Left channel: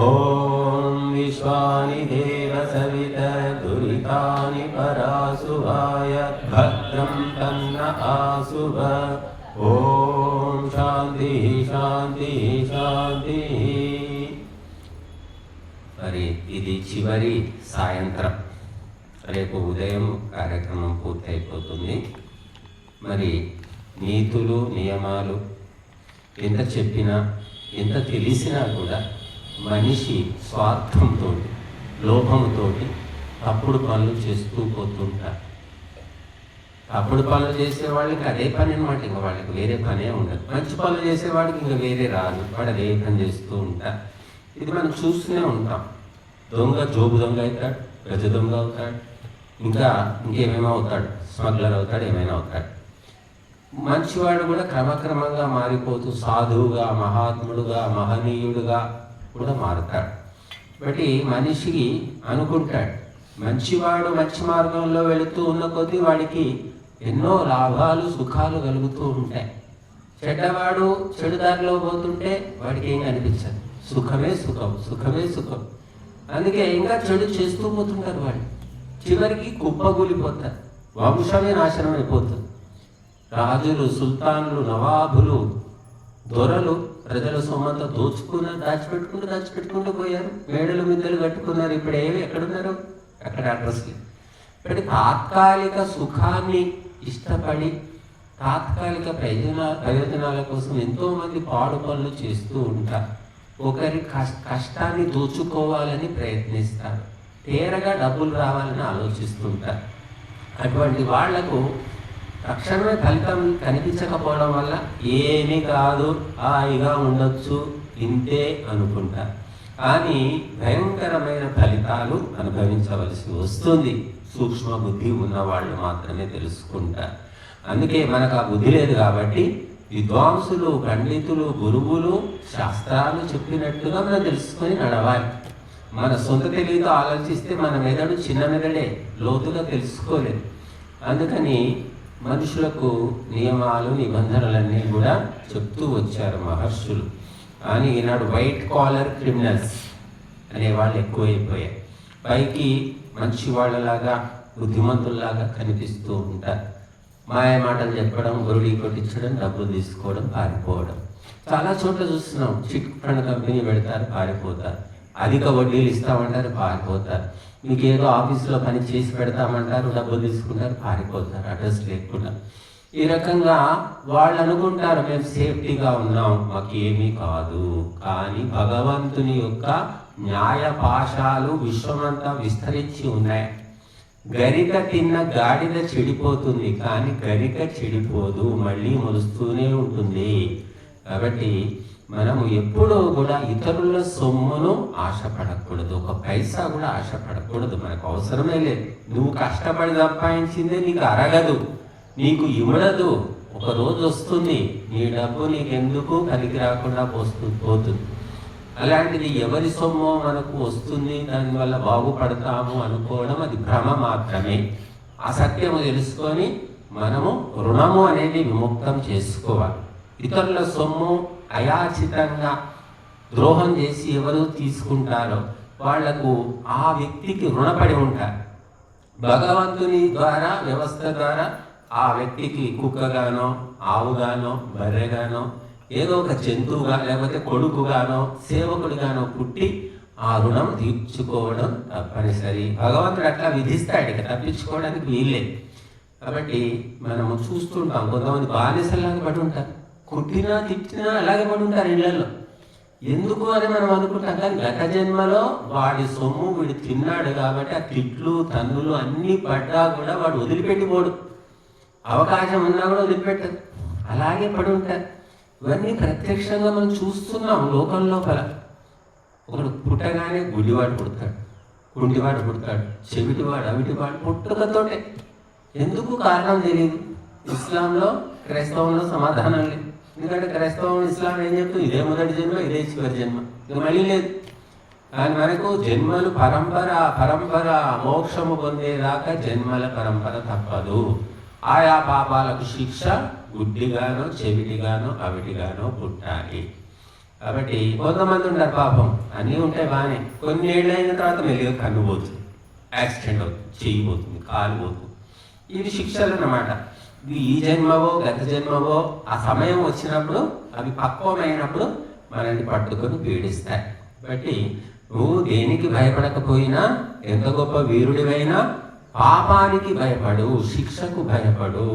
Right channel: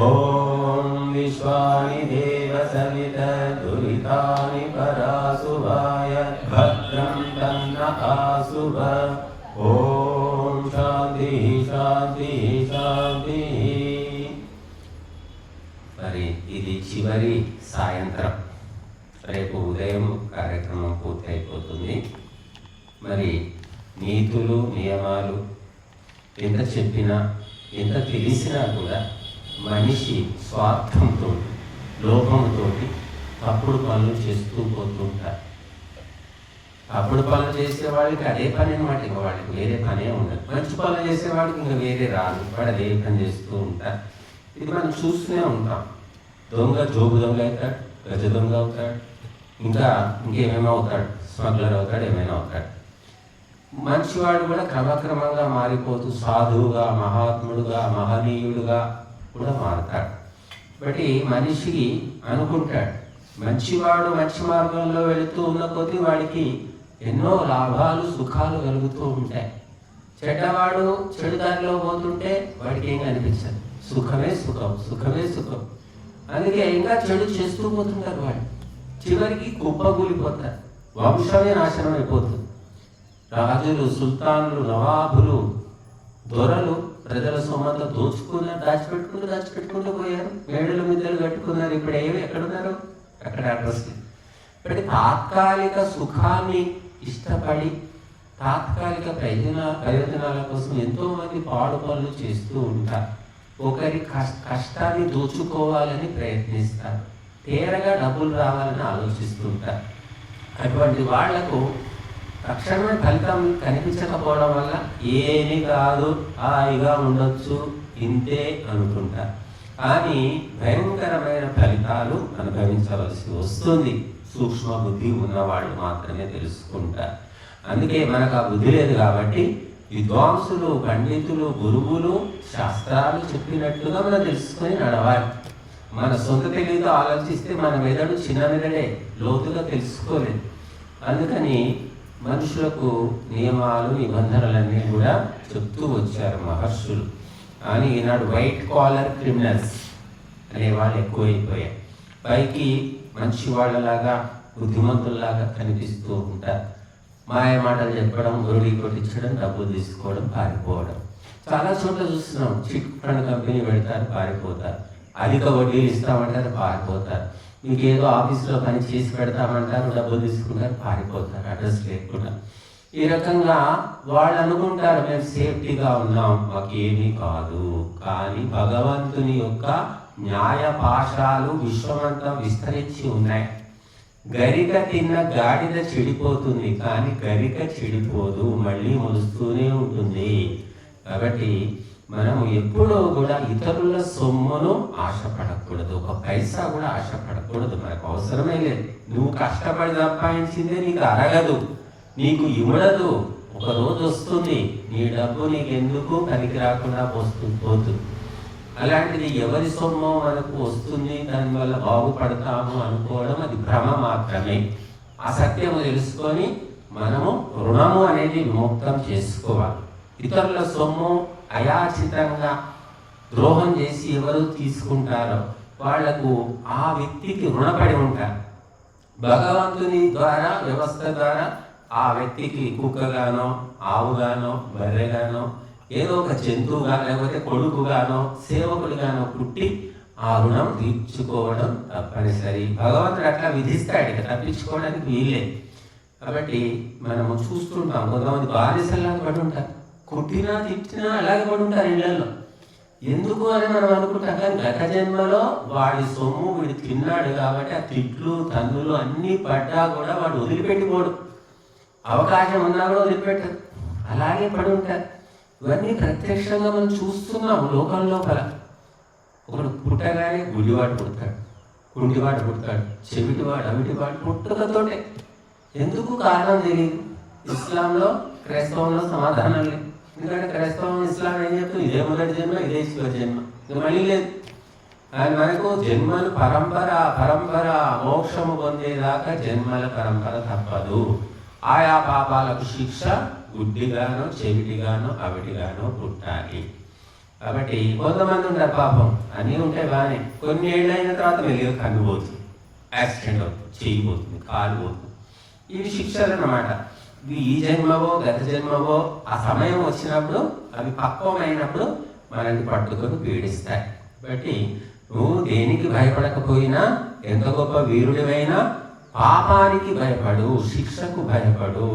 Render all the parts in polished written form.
ఓం విశ్వాని దేవ సవిత దురితాని పరాసువాయ భద్రం తన్న ఆసువ. ఓం శాంతి శాంతి శాంతి. మరి ఇది చివరి సాయంత్రం, రేపు ఉదయం కార్యక్రమం పూర్తయిపోతుంది. మరి నీతులు నియమాలు ఎంత చెప్పినా ఎంత తెలిసినా కూడా మనిషి స్వార్థంతో లోపంతో తప్పుడు పనులు చేస్తూ పోతుంటారు. తప్పుడు పనులు చేసేవాడికి అదే పని అన్నమాట, ఇక వాడికి వేరే పనే ఉండదు. మంచి పనులు చేసేవాడికి ఇంకా వేరే రాదు, వాడు అదే పని చేస్తూ ఉంటారు. ఇది మనం చూస్తూనే ఉంటాం. దొంగ జోబు దొంగ అవుతాడు, గజ దొంగ అవుతాడు, ఇంకా ఇంకేమేమో అవుతాడు, స్మగ్లర్ అవుతాడు, ఏమైనా అవుతాడు. మంచివాడు కూడా క్రమక్రమంగా మారిపోతూ సాధువుగా, మహాత్ముడుగా, మహనీయుడుగా కూడా మారుతాడు. బట్టి మనిషి అనుకుంటాడు మంచివాడు మంచి మార్గంలో వెళుతూ ఉన్న కొద్దీ వాడికి ఎన్నో లాభాలు సుఖాలు కలుగుతూ ఉంటాయి. చెడ్డవాడు చెడు దారిలో పోతుంటే వాడికి ఏం అనిపించదు, సుఖమే సుఖం, సుఖమే సుఖం. అందుకే ఇంకా చెడు చేస్తూ పోతుంటారు. వాడు చివరికి కుప్పగూలిపోతారు, వంశమే నాశనం అయిపోతుంది. రాజులు, సుల్తాన్లు, నవాబులు, దొరలు ప్రజల సొమ్మంతా దాచిపెట్టుకుంటూ పోయారు. మేడలు మిద్దలు కట్టుకున్నారు. ఇప్పుడు ఎక్కడున్నారు? అక్కడ అడ్రస్కి. ఇప్పుడు తాత్కాలిక సుఖాన్ని ఇష్టపడి తాత్కాలిక ప్రయోజనాల కోసం ఎంతో మంది పాడు పనులు చేస్తూ ఉంటారు. ఒకరి కష్టాన్ని దోచుకోవాలని ప్రయత్నిస్తారు, తేరగా డబ్బులు రావాలని ఆలోచిస్తుంటారు. అటువంటి వాళ్లకు తక్షణమే ఫలితం కనిపించకపోవడం వల్ల ఏమీ కాదు, హాయిగా ఉండొచ్చు, ఇంతే అనుకుంటారు. కానీ భయంకరమైన ఫలితాలు అనుభవించవలసి వస్తుంది. సూక్ష్మ బుద్ధి ఉన్నవాళ్ళు మాత్రమే తెలుసుకుంటారు. అందుకే మనకు ఆ బుద్ధి లేదు కాబట్టి విద్వాంసులు, పండితులు, గురువులు శాస్త్రాలు చెప్పినట్టుగా మనం తెలుసుకొని నడవాలి. మన సొంత తెలివితో ఆలోచిస్తే మన మెదడు చిన్న మెదడే, లోతుగా తెలుసుకోలేదు. అందుకని మనుషులకు నియమాలు, నిబంధనలన్నీ కూడా చెప్తూ వచ్చారు మహర్షులు. కానీ ఈనాడు వైట్ కాలర్ క్రిమినల్స్ అనేవాళ్ళు ఎక్కువైపోయాయి. పైకి మంచి వాళ్ళలాగా, బుద్ధిమంతుల్లాగా కనిపిస్తూ ఉంటారు. మాయ మాటలు చెప్పడం, గొరుడి కొట్టించడం, డబ్బులు తీసుకోవడం, పారిపోవడం. చాలా చోట్ల చూస్తున్నాం. చిట్ ఫండ్ కంపెనీ పెడతారు, పారిపోతారు. అధిక వడ్డీలు ఇస్తామంటారు, పారిపోతారు. మీకు ఏదో ఆఫీస్లో పని చేసి పెడతామంటారు, డబ్బులు తీసుకున్నారు, పారిపోతారు అడ్రస్ లేకుండా. ఈ రకంగా వాళ్ళు అనుకుంటారు మేము సేఫ్టీగా ఉన్నాం, మాకు ఏమీ కాదు. కానీ భగవంతుని యొక్క న్యాయ పాశాలు విశ్వమంతా విస్తరించి ఉన్నాయి. గరిక తిన్న గాడిద చెడిపోతుంది, కానీ గరిక చెడిపోదు, మళ్ళీ మొలుస్తూనే ఉంటుంది. కాబట్టి మనము ఎప్పుడూ కూడా ఇతరుల సొమ్మును ఆశపడకూడదు, ఒక పైసా కూడా ఆశపడకూడదు. మనకు అవసరమే లేదు. నువ్వు కష్టపడి సంపాదించిందే నీకు అరగదు, నీకు ఇవ్వడదు. ఒక రోజు వస్తుంది నీ డబ్బు నీకెందుకు పనికి రాకుండా పోతుంది. అలాంటిది ఎవరి సొమ్ము మనకు వస్తుంది, దానివల్ల బాగుపడతాము అనుకోవడం అది భ్రమ మాత్రమే. అసత్యము తెలుసుకొని మనము రుణము అనేది విముక్తం చేసుకోవాలి. ఇతరుల సొమ్ము అయాచితంగా ద్రోహం చేసి ఎవరు తీసుకుంటారో వాళ్లకు ఆ వ్యక్తికి రుణపడి ఉంటారు. భగవంతుని ద్వారా, వ్యవస్థ ద్వారా ఆ వ్యక్తికి కుక్కగానో, ఆవుగానో, బర్రెగానో, ఏదో ఒక జంతువుగా, లేకపోతే కొడుకుగానో, సేవకుడిగానో పుట్టి ఆ రుణం తీర్చుకోవడం తప్పనిసరి. భగవంతుడు అట్లా విధిస్తాడు, ఇక తప్పించుకోవడానికి వీలేదు. కాబట్టి మనము చూస్తుంటాం, కొంతమంది బానిసలాగా పడి ఉంటారు, కొట్టినా తిట్టినా అలాగే పడి ఉంటారు ఇళ్లలో. ఎందుకు అని మనం అనుకుంటాం. కానీ గత జన్మలో వాడి సొమ్ము వీడు తిన్నాడు కాబట్టి ఆ తిట్లు, తన్నులు అన్నీ పడ్డా కూడా వాడు వదిలిపెట్టిపోడు. అవకాశం ఉన్నా కూడా వదిలిపెట్టదు, అలాగే పడి ఉంటారు. ఇవన్నీ ప్రత్యక్షంగా మనం చూస్తున్నాం లోకం లోపల. ఒకడు పుట్టగానే గుడివాడు పుడతాడు, కుంటివాడు పుడతాడు, చెవిటివాడు, అవిటివాడు పుట్టుకతోటే. ఎందుకు కారణం తెలియదు. ఇస్లాంలో, క్రైస్తవంలో సమాధానం లేదు. ఎందుకంటే క్రైస్తవం, ఇస్లాం ఏం చెప్తుంది? ఇదే మొదటి జన్మ, ఇదే ఈశ్వర జన్మ, ఇక మళ్ళీ లేదు. ఆయన మనకు జన్మలు పరంపర మోక్షము పొందేదాకా జన్మల పరంపర తప్పదు. ఆయా పాపాలకు శిక్ష గుడ్డిగానో, చెవిటిగానో, అవిటిగానో పుట్టాలి. కాబట్టి కొంతమంది ఉంటారు పాపం, అన్నీ ఉంటాయి బాగానే, కొన్ని ఏళ్ళైన తర్వాత మెల్లిగా కన్ను పోతుంది, యాక్సిడెంట్ అవుతుంది, చెయ్యి పోతుంది, కాలు పోతుంది. ఇవి శిక్షలు అన్నమాట. ఇవి ఈ జన్మవో గత జన్మవో ఆ సమయం వచ్చినప్పుడు అవి పక్వమైనప్పుడు మనల్ని పట్టుకొని పీడిస్తాయి. కాబట్టి నువ్వు దేనికి భయపడకపోయినా, ఎంత గొప్ప వీరుడివైనా పాపానికి భయపడు, శిక్షకు భయపడు.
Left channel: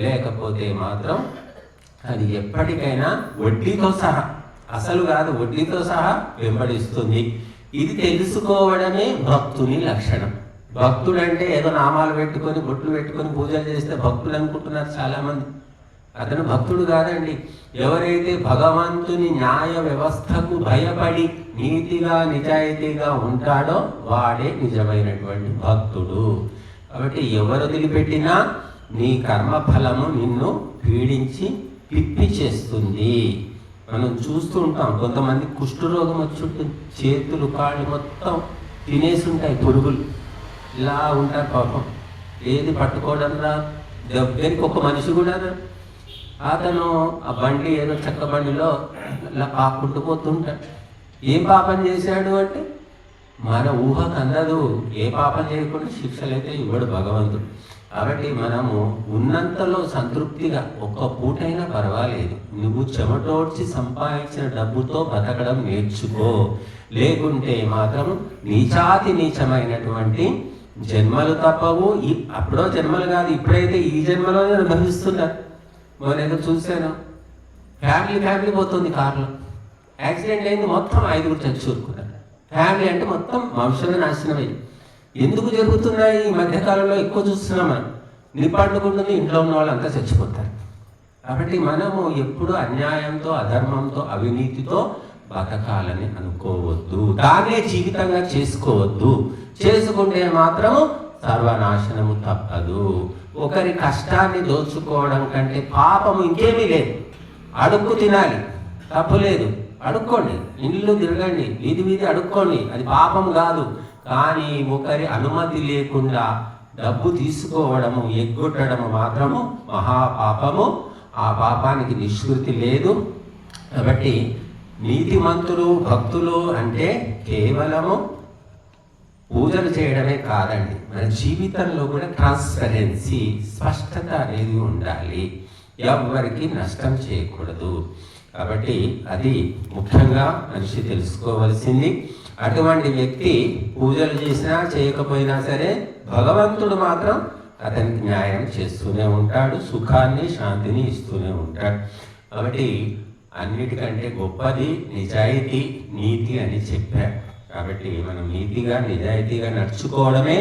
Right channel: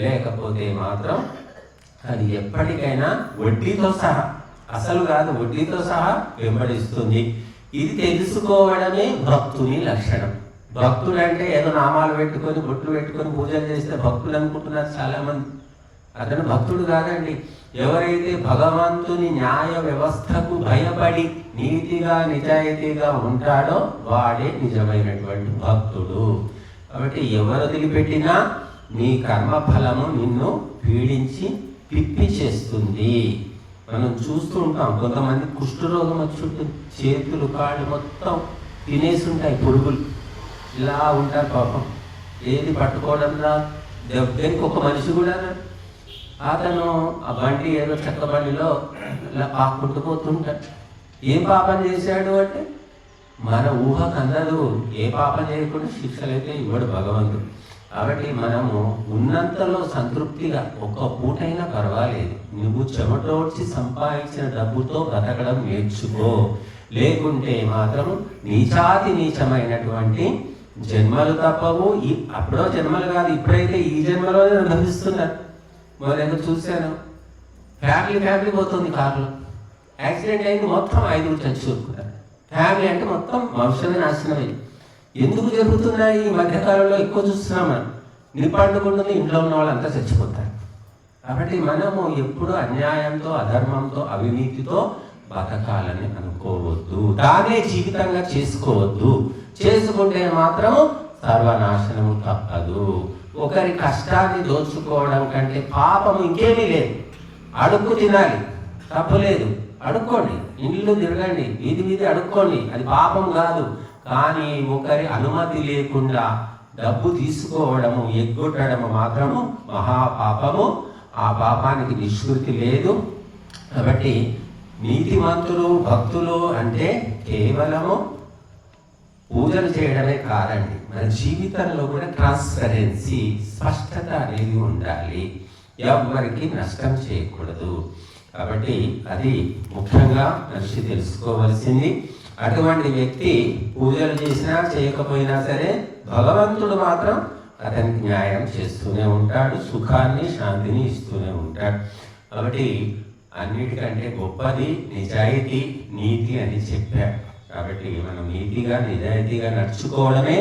లేకపోతే మాత్రం అది ఎప్పటికైనా వడ్డీతో సహా, అసలు కాదు వడ్డీతో సహా వెంబడిస్తుంది. ఇది తెలుసుకోవడమే భక్తుని లక్షణం. భక్తుడు అంటే ఏదో నామాలు పెట్టుకొని బొట్లు పెట్టుకొని పూజలు చేస్తే భక్తుడు అనుకుంటున్నారు చాలామంది. అతను భక్తుడు కాదండి. ఎవరైతే భగవంతుని న్యాయ వ్యవస్థకు భయపడి నీతిగా నిజాయితీగా ఉంటాడో వాడే నిజమైనటువంటి భక్తుడు. కాబట్టి ఎవరు వదిలిపెట్టినా నీ కర్మఫలము నిన్ను పీడించి పిప్పి చేస్తుంది. మనం చూస్తూ ఉంటాం, కొంతమంది కుష్ఠరోగం వచ్చి చేతులు కాళ్ళు మొత్తం తినేసి ఉంటాయి పురుగులు, ఇలా ఉంటారు పాపం. ఏది పట్టుకోవడం రా, దగ్గరికి ఒక మనిషి కూడా అతను ఆ బండి ఏదో చెక్క బండిలో ఇలా పాక్కుంటూ పోతుంటాడు. ఏం పాపం చేశాడు అంటే మన ఊహకు అందరూ ఏ పాపం చేయకుండా శిక్షలు అయితే ఇవ్వడు భగవంతుడు. కాబట్టి మనము ఉన్నంతలో సంతృప్తిగా ఒక్క పూటైనా పర్వాలేదు, నువ్వు చెమటోడ్చి సంపాదించిన డబ్బుతో బతకడం నేర్చుకో. లేకుంటే మాత్రం నీచాతి నీచమైనటువంటి జన్మలు తప్పవు. అప్పుడో జన్మలు కాదు, ఇప్పుడైతే ఈ జన్మలోనే అనుభవిస్తున్నారు. మొదలైతే చూశాను, ఫ్యామిలీ పోతుంది కార్లో, యాక్సిడెంట్ అయింది, మొత్తం 5 చచ్చిపోతున్నారు. ఫ్యామిలీ అంటే మొత్తం వంశమే నాశనమైంది. ఎందుకు జరుగుతున్నాయి ఈ మధ్యకాలంలో ఎక్కువ చూస్తున్నామని, నిపాటుకుంటుంది, ఇంట్లో ఉన్న వాళ్ళంతా చచ్చిపోతారు. కాబట్టి మనము ఎప్పుడు అన్యాయంతో, అధర్మంతో, అవినీతితో బతకాలని అనుకోవద్దు, దానే జీవితంగా చేసుకోవద్దు. చేసుకుంటే మాత్రం సర్వనాశనము తప్పదు. ఒకరి కష్టాన్ని దోచుకోవడం కంటే పాపము ఇంకేమీ లేదు. అడుక్కు తినాలి, తప్పలేదు, అడుక్కోండి, ఇల్లు తిరగండి, వీధి అడుక్కోండి, అది పాపం కాదు. కానీ ఒకరి అనుమతి లేకుండా డబ్బు తీసుకోవడము, ఎగ్గొట్టడము మాత్రము మహాపాపము. ఆ పాపానికి నిష్కృతి లేదు. కాబట్టి నీతిమంతులు, భక్తులు అంటే కేవలము పూజలు చేయడమే కాదండి, మన జీవితంలో కూడా ట్రాన్స్పరెన్సీ, స్పష్టత అనేది ఉండాలి. ఎవరికి నష్టం చేయకూడదు. కాబట్టి అది ముఖ్యంగా మనిషి తెలుసుకోవాల్సింది. అటువంటి వ్యక్తి పూజలు చేసినా చేయకపోయినా సరే భగవంతుడు మాత్రం అతనికి న్యాయం చేస్తూనే ఉంటాడు, సుఖాన్ని శాంతిని ఇస్తూనే ఉంటాడు. కాబట్టి అన్నిటికంటే గొప్పది నిజాయితీ, నీతి అని చెప్పాడు. కాబట్టి మనం నీతిగా నిజాయితీగా నడుచుకోవడమే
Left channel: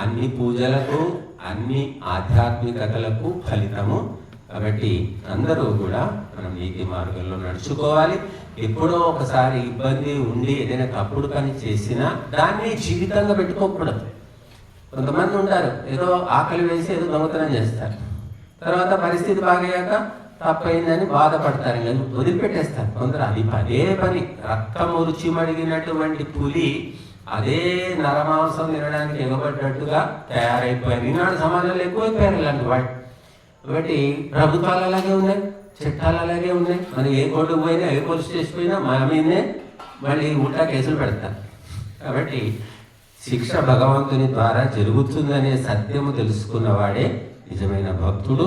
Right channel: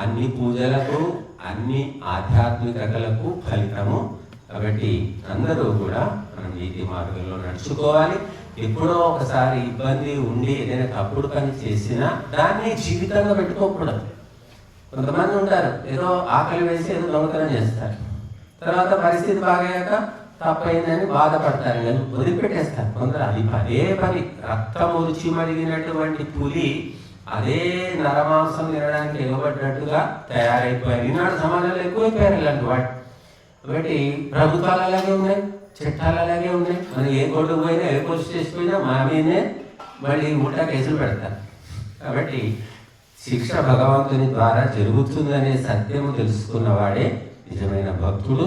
అన్ని పూజలకు, అన్ని ఆధ్యాత్మికతలకు ఫలితము. కాబట్టి అందరూ కూడా మనం నీతి మార్గంలో నడుచుకోవాలి. ఎప్పుడో ఒకసారి ఇబ్బంది ఉండి ఏదైనా తప్పుడు పని చేసినా దాన్ని జీవితంగా పెట్టుకోకూడదు. కొంతమంది ఉంటారు, ఏదో ఆకలి వేసి ఏదో దొంగతనం చేస్తారు, తర్వాత పరిస్థితి బాగయ్యాక తప్పైందని బాధపడతారు, కానీ వదిలిపెట్టేస్తారు. కొందరు అది పదే పని, రక్తం రుచి మడిగినటువంటి పులి అదే నరమాంసం తినడానికి ఇవ్వబడ్డట్టుగా తయారైపోయారు. ఈనాడు సమాజంలో ఎక్కువైపోయారు ఇలాంటి వాటి. కాబట్టి ప్రభుత్వాలు అలాగే ఉన్నాయి, చట్టాలు అలాగే ఉన్నాయి. మరి ఏ కోర్టు పోయినా, ఏ పోలీస్ స్టేషన్ పోయినా మా మీదే మళ్ళీ ఉల్టా కేసులు పెడతారు. కాబట్టి శిక్ష భగవంతుని ద్వారా జరుగుతుందనే సత్యం తెలుసుకున్న వాడే నిజమైన భక్తుడు.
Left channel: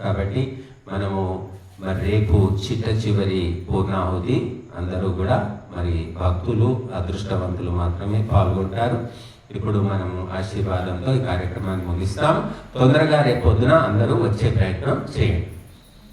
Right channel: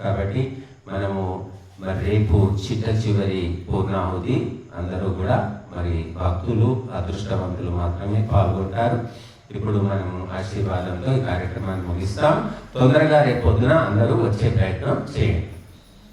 కాబట్టి మనము మరి రేపు చివరి పూర్ణాహుతి అందరూ కూడా మరి భక్తులు, అదృష్టవంతులు మాత్రమే పాల్గొంటారు. ఇప్పుడు మనము ఆశీర్వాదంతో ఈ కార్యక్రమాన్ని ముగిస్తాం. తొందరగా రేపు పొద్దున అందరూ వచ్చే ప్రయత్నం చేయండి.